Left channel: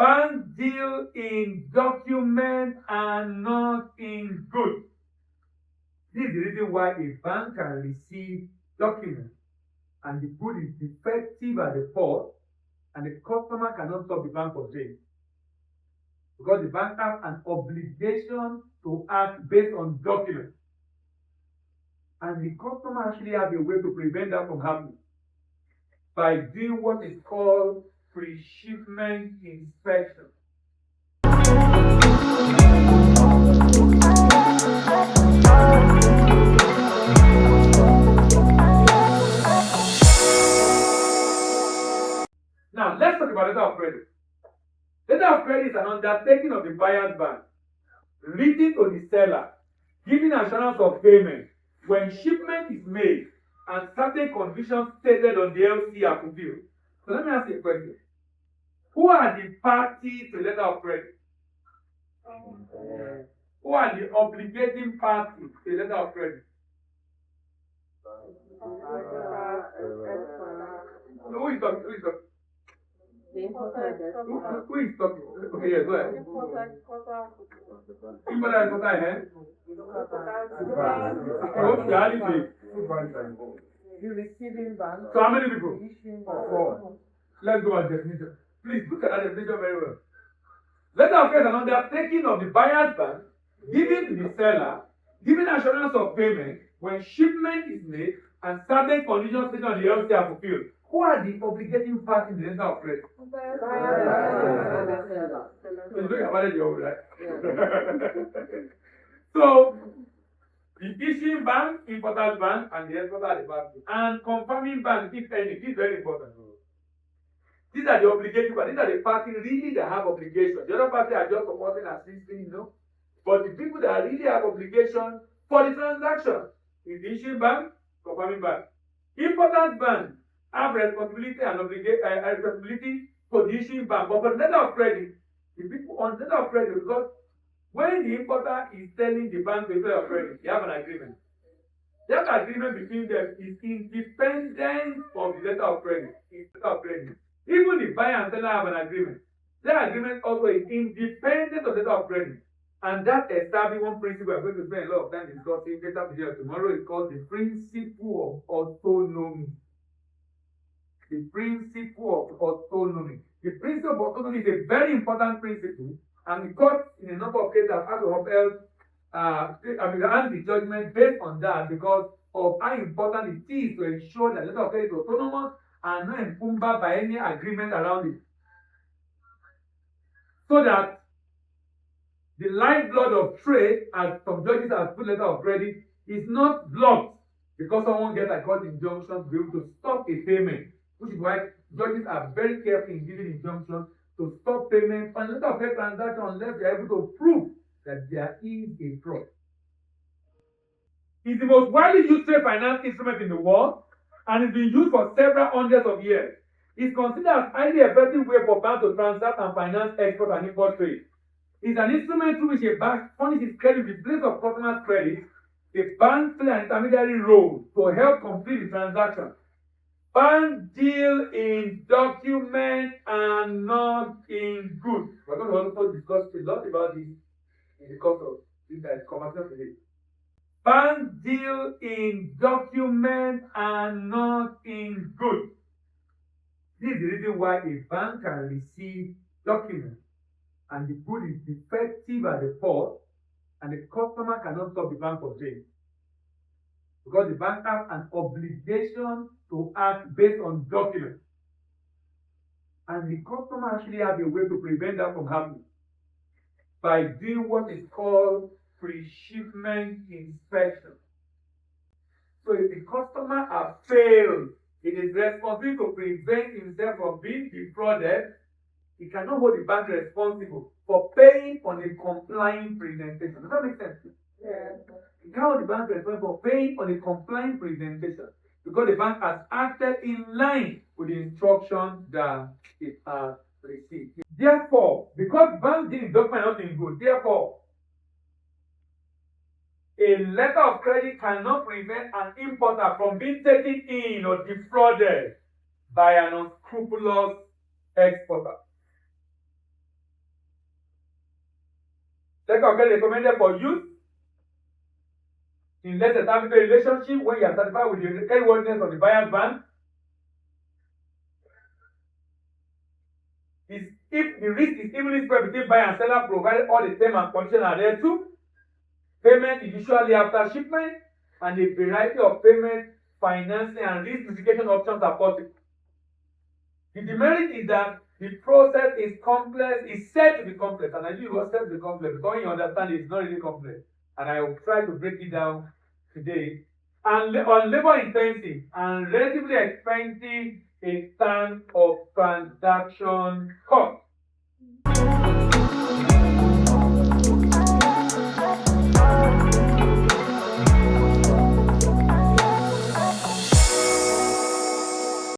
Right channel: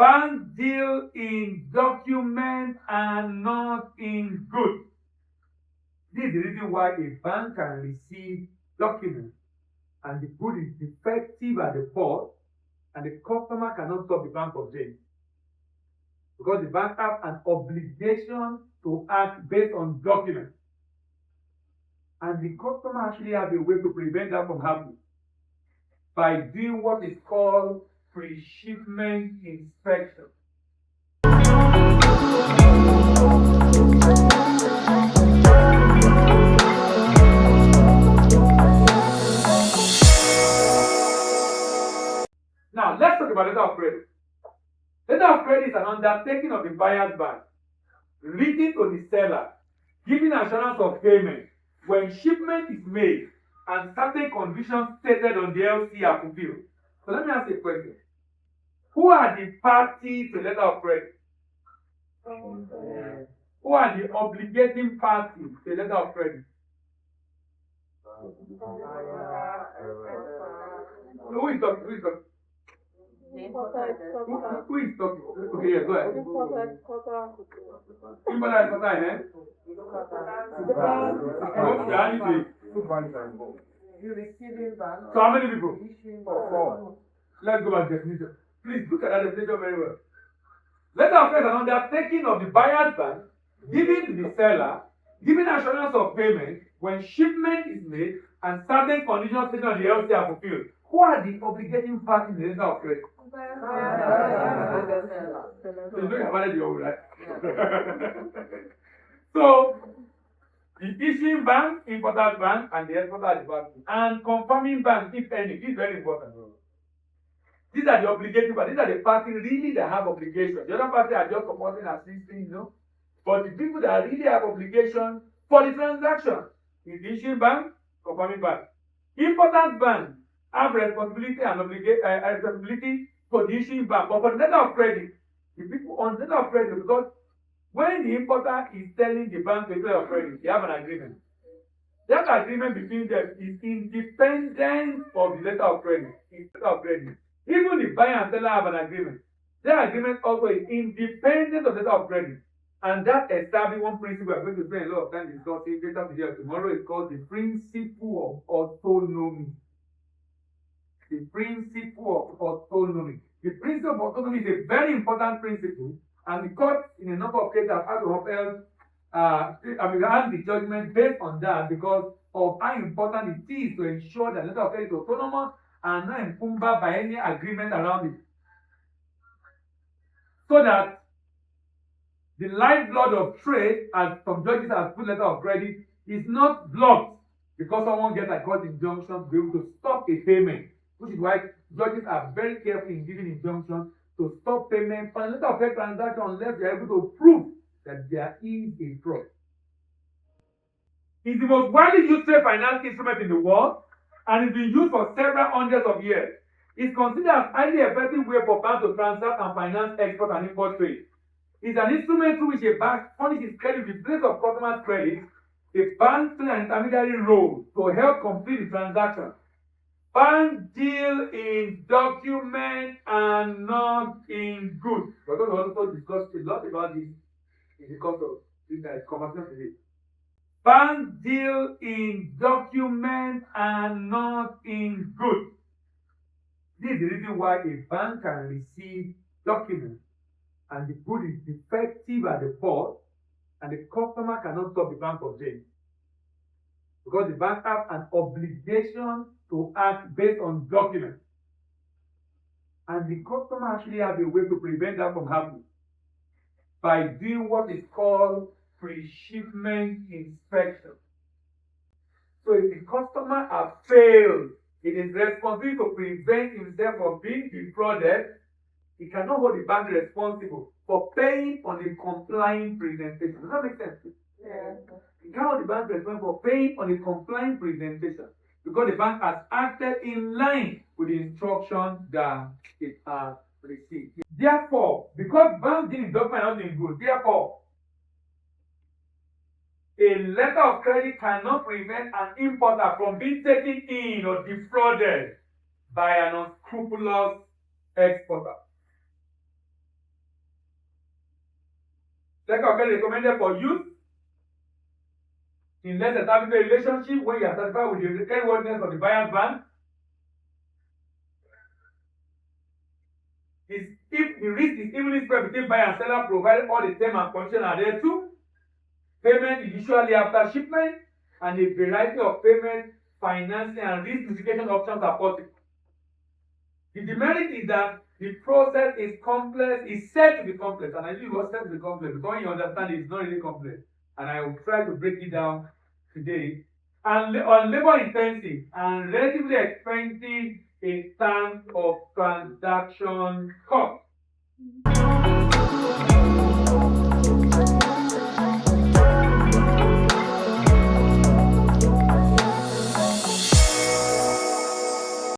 Banks deal in document and not in goods. This is the reason why a bank can receive documents and the good is defective at the port and the customer cannot stop the bank from doing, because the bank has an obligation to act based on documents. And the customer actually has a way to prevent that from happening by doing what is called pre-shipment inspection. Now, let's talk about letter of credit. Letter of credit is an undertaking of the buyer's bank, written to the seller, giving assurance of payment when shipment is made and certain conditions stated on the LC are fulfilled. So let me ask you a question. Who are the parties to letter of credit? Who are the obligating parties to letter of credit? Who is talking? Who is talking? Who is talking? Okay, yeah, go ahead. Importer, eh? You receiving bank. So how many people? Issuing for Let's go by definition. Please look at that definition very well. Letter of credit is an undertaking of the buyer's bank, giving to the seller, giving assurance of payment when shipment is made and certain conditions stated on the LC are fulfilled. Who are the obligating parties in the letter of credit? So you look at what you're right? So the issuing bank, importer's bank, and the exporter the bank, and confirming bank, if any, this is very important. These are the obligating parties. These are the parties really that have obligation. The other parties are just supporting assisting, But the people that really have obligation for the transaction is the issuing bank, confirming bank. Importer's bank have responsibility and responsibility for the issuing bank. But for the letter of credit, the people on the letter of credit, because when the importer is telling the bank to issue letter of credit, they have an agreement. That agreement between them is independent of the letter of credit. Even the buyer and seller have an agreement. That agreement also is independent of the letter of credit. And that establishes one principle we are going to spend a lot of time discussing later today or tomorrow. Is called the principle of autonomy. The principle of autonomy. The principle of autonomy is a very important principle, and the court in a number of cases have had to upheld the judgment based on that because of how important it is to ensure that letter of credit is autonomous and not encumbered by any agreement around it. So that the lifeblood of trade, as some judges have put letter of credit, is not blocked because someone gets a court injunction to be able to stop a payment, which is why judges are very careful in giving injunctions to stop payment on a letter of credit transaction unless they are able to prove that there is a fraud. It's the most widely used trade finance instrument in the world and it's been used for several hundreds of years. It's considered as highly effective way for banks to transact and finance export and import trade. It's an instrument through which a bank furnishes credit in place of customers' credit. The bank plays an intermediary role to help complete the transaction. Banks deal in document and not in goods. We're going to also discuss a lot about this in the course of this conversation today. Banks deal in document and not in goods. This is the reason why a bank can receive documents and the good is defective at the port and the customer cannot stop the bank from doing, because the bank has an obligation to act based on documents. And the customer actually has a way to prevent that from happening by doing what is called pre-shipment inspection. So if the customer has failed, it is responsible to prevent himself from being defrauded. He cannot hold the bank responsible for paying on a complying presentation. Does that make sense? Yeah. He cannot hold the bank responsible for paying on a complying presentation because the bank has acted in line with the instructions that it has received. Therefore, because bank deal in document not in good, therefore, a letter of credit cannot prevent an importer from being taken in or defrauded by an unscrupulous exporter. Letter of credit recommended for use in less established relationship when you are satisfied with the creditworthiness of the buyer's bank. Is if the risk is evenly spread between buyer and seller, provided all the terms and conditions are there too. Payment is usually after shipment, and a variety of payment, financing, and risk mitigation options are possible. The demerit is that the process is complex, is said to be complex, and I do it was said to be complex, because when you understand it, it's not really complex. And I will try to break it down today. And on labor intensive and relatively expensive in terms of transaction